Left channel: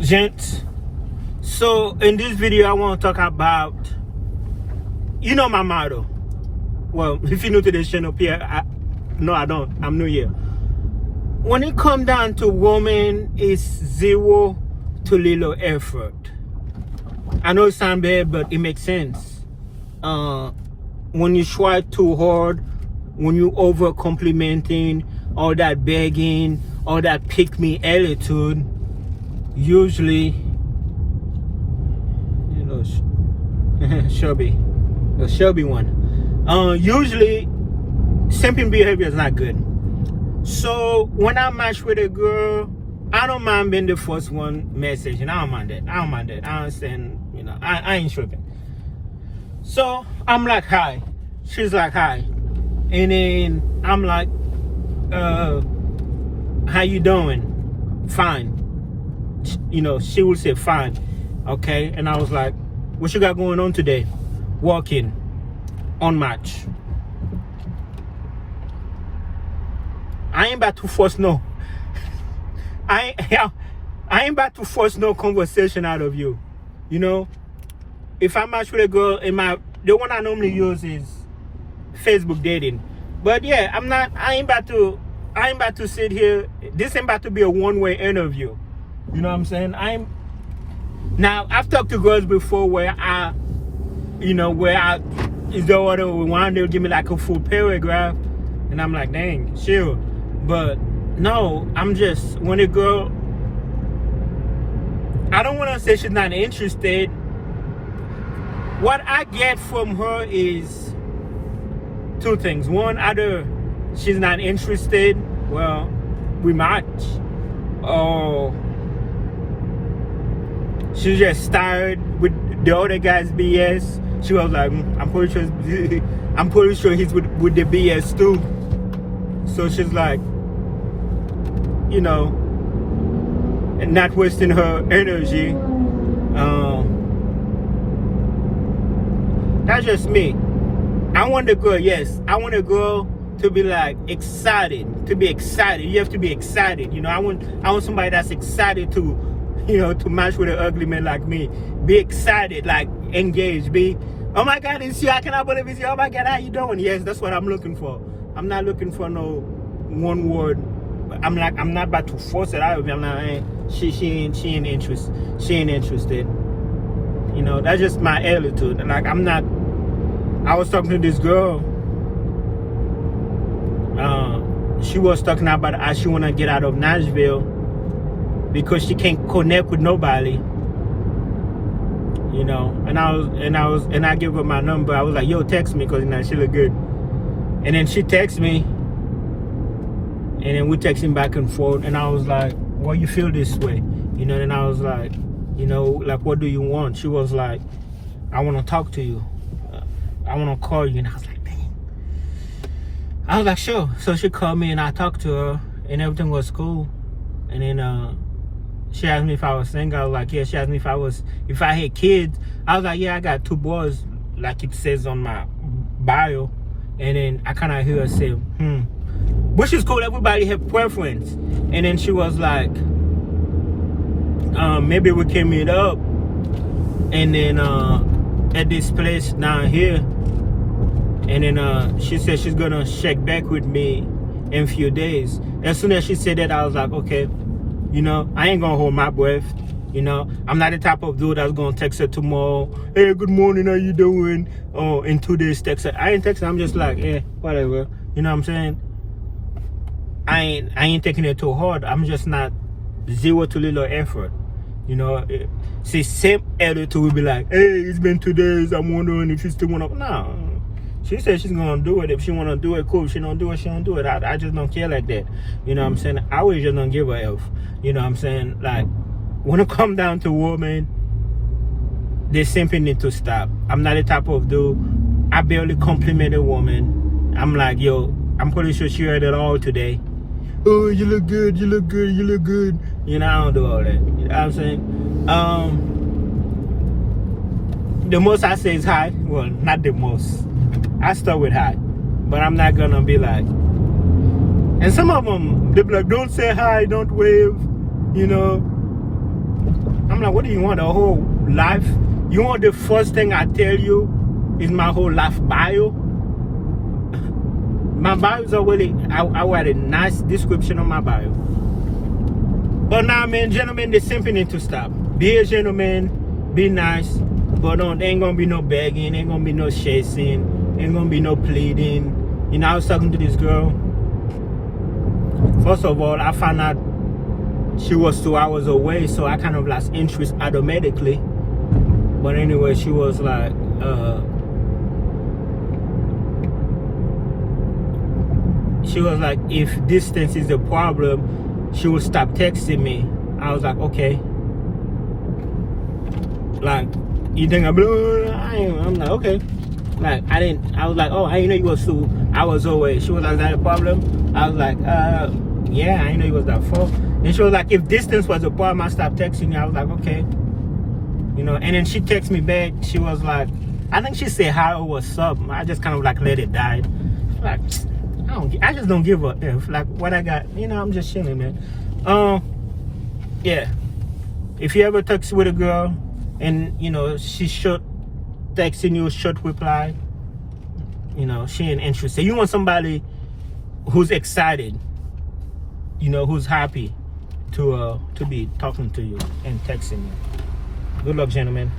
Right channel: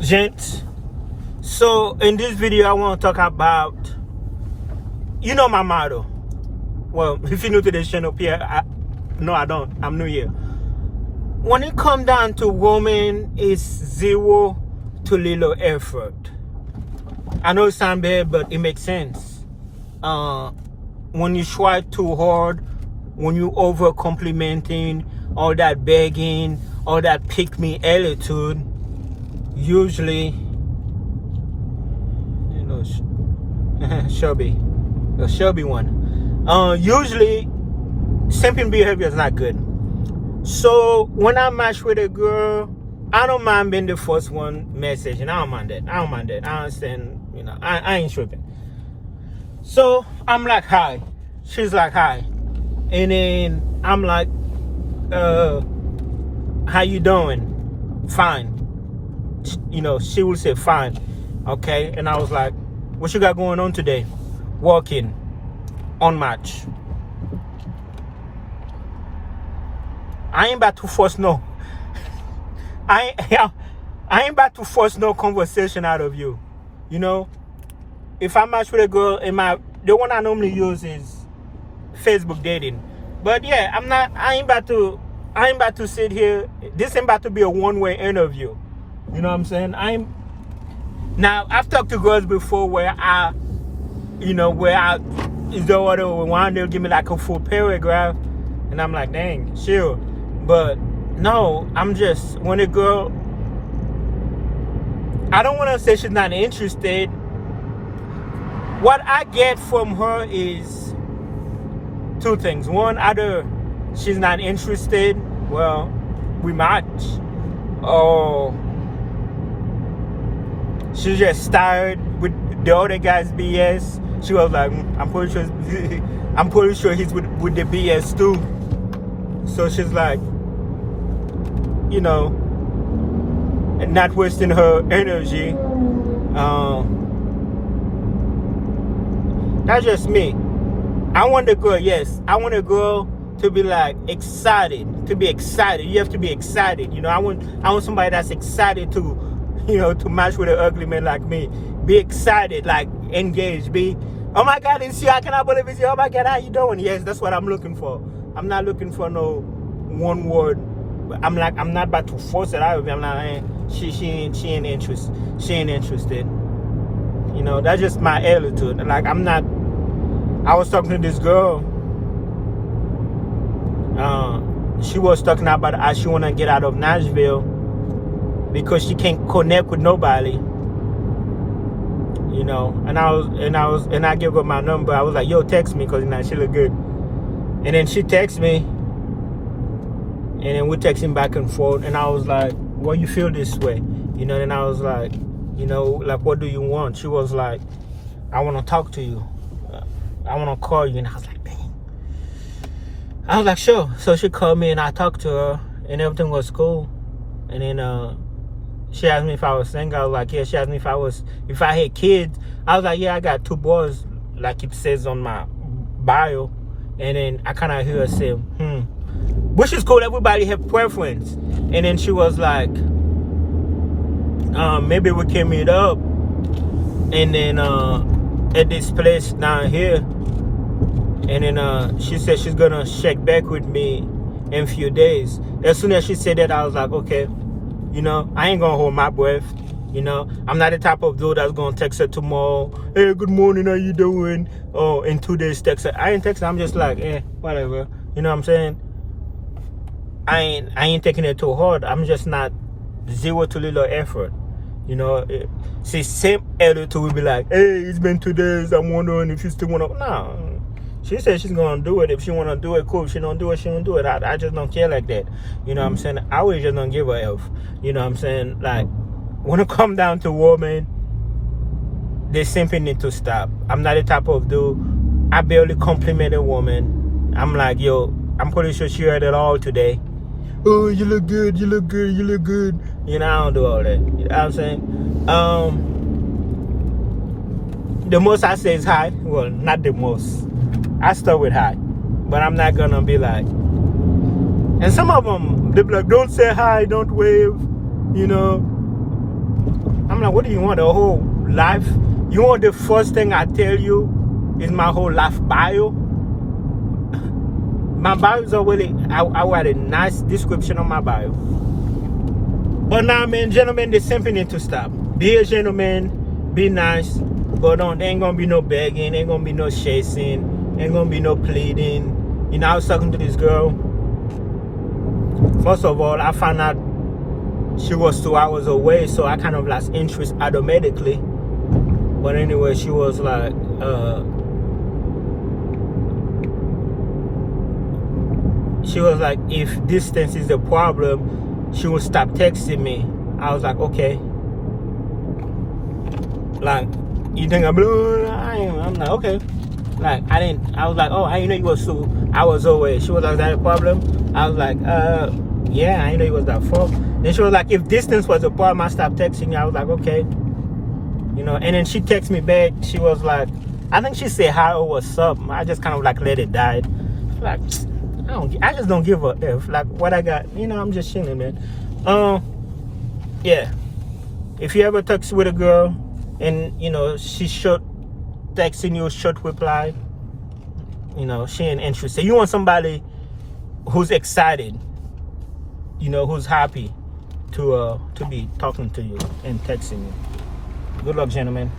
Gents, so in this video I want to talk about, my motto. Well, if you're new to this channel, no, I don't. I'm new here. When it comes down to women, it's zero to little effort. I know it sounds bad, but it makes sense. When you try too hard, when you over complimenting, all that begging, all that pick me attitude, usually, Shelby one. Usually, simping behavior is not good. So when I match with a girl, I don't mind being the first one message, and I don't mind that. I understand, I ain't tripping. So I'm like, hi. She's like, hi. And then I'm like, how you doing? Fine. She would say fine. Okay. And I was like, what you got going on today? Walking. On match. I ain't about to force no. I ain't about to force no conversation out of you. If I match with a girl, the one I normally use is Facebook dating. But yeah, I ain't about to sit here. This ain't about to be a one-way interview. You know what I'm saying? Now I've talked to girls before where is the order one, they'll give me like a full paragraph, and I'm like, dang, chill. But no, I'm just, when a girl, I don't want to say she's not interested. What I get from her is two things. One, either she's not interested, well, we match, or she's just tired with the other guy's BS. She was like, I'm pretty sure he's with the BS too. So she's like, not wasting her energy. That's just me. I want a girl, yes. I want a girl to be like excited. To be excited. You have to be excited. I want somebody that's excited to match with an ugly man like me. Be excited, like engaged. Be, oh my God, it's you. I cannot believe it's you. Oh my God, how you doing? Yes, that's what I'm looking for. I'm not looking for no one word. I'm not about to force it out of me. I'm not. She ain't interested. She ain't interested. That's just my attitude. Like I was talking to this girl. She was talking about how she wanna get out of Nashville because she can't connect with nobody. And I gave her my number. I was like, yo, text me, because she look good. And then she texted me, and then we texting back and forth, and I was like, why you feel this way? And I was like, like, what do you want? She was like, I want to talk to you. I want to call you. And I was like, dang. I was like, sure. So she called me, and I talked to her, and everything was cool. And then she asked me if I was single. I was like, yeah. She asked me if I had kids. I was like, yeah, I got 2 boys, like it says on my bio. And then I kind of hear her say, which is cool. Everybody have preference. And then she was like, maybe we can meet up. And then at this place down here. And then she said she's gonna check back with me in a few days. As soon as she said that, I was like, okay. I ain't gonna hold my breath. I'm not the type of dude that's gonna text her tomorrow. Hey, good morning, how you doing? Oh, in 2 days text her. I ain't text her. I'm just like, whatever. You know what I'm saying? I ain't taking it too hard. I'm just not zero to little effort. See, same attitude will be like, hey, it's been 2 days. I'm wondering if you still wanna. No. She said she's gonna do it. If she wanna do it, cool. If she don't do it, she don't do it. I just don't care like that. You know what I'm saying? I always just don't give a F. You know what I'm saying? Like, when it come down to women, they simply need to stop. I'm not the type of dude. I barely compliment a woman. I'm like, yo, I'm pretty sure she heard it all today. Oh, you look good, you look good, you look good. I don't do all that. You know what I'm saying? The most I say is hi. Well, not the most. I start with hi. But I'm not gonna be like, and some of them, they be like, don't say hi, don't wave, I'm like, what do you want? The whole life? You want the first thing I tell you is my whole life bio? My bio is already, I write a nice description on my bio. But now, man, gentlemen, the simping need to stop. Be a gentleman, be nice, but there ain't gonna be no begging, ain't gonna be no chasing, ain't gonna be no pleading. You know, I was talking to this girl. First of all, I found out she was 2 hours away, so I kind of lost interest automatically. But anyway, she was like, if distance is the problem, she would stop texting me. I was like, okay. Like, you think I'm like, okay. Like, I was like, oh, I didn't know you was 2 hours away. She was like, is that a problem? I was like, yeah, I didn't know you was that far. Then she was like, if distance was a problem, I stopped texting you. I was like, okay. You know, and then she texted me back. She was like, I think she said hi or what's up. I just kind of like let it die. Like, I just don't give a F. Like, what I got, you know, I'm just chilling, man. Yeah. If you ever text with a girl and, you know, she short texting you, short reply, you know, she ain't interested. You want somebody who's excited, you know, who's happy to be talking to you and texting you. Good luck, gentlemen.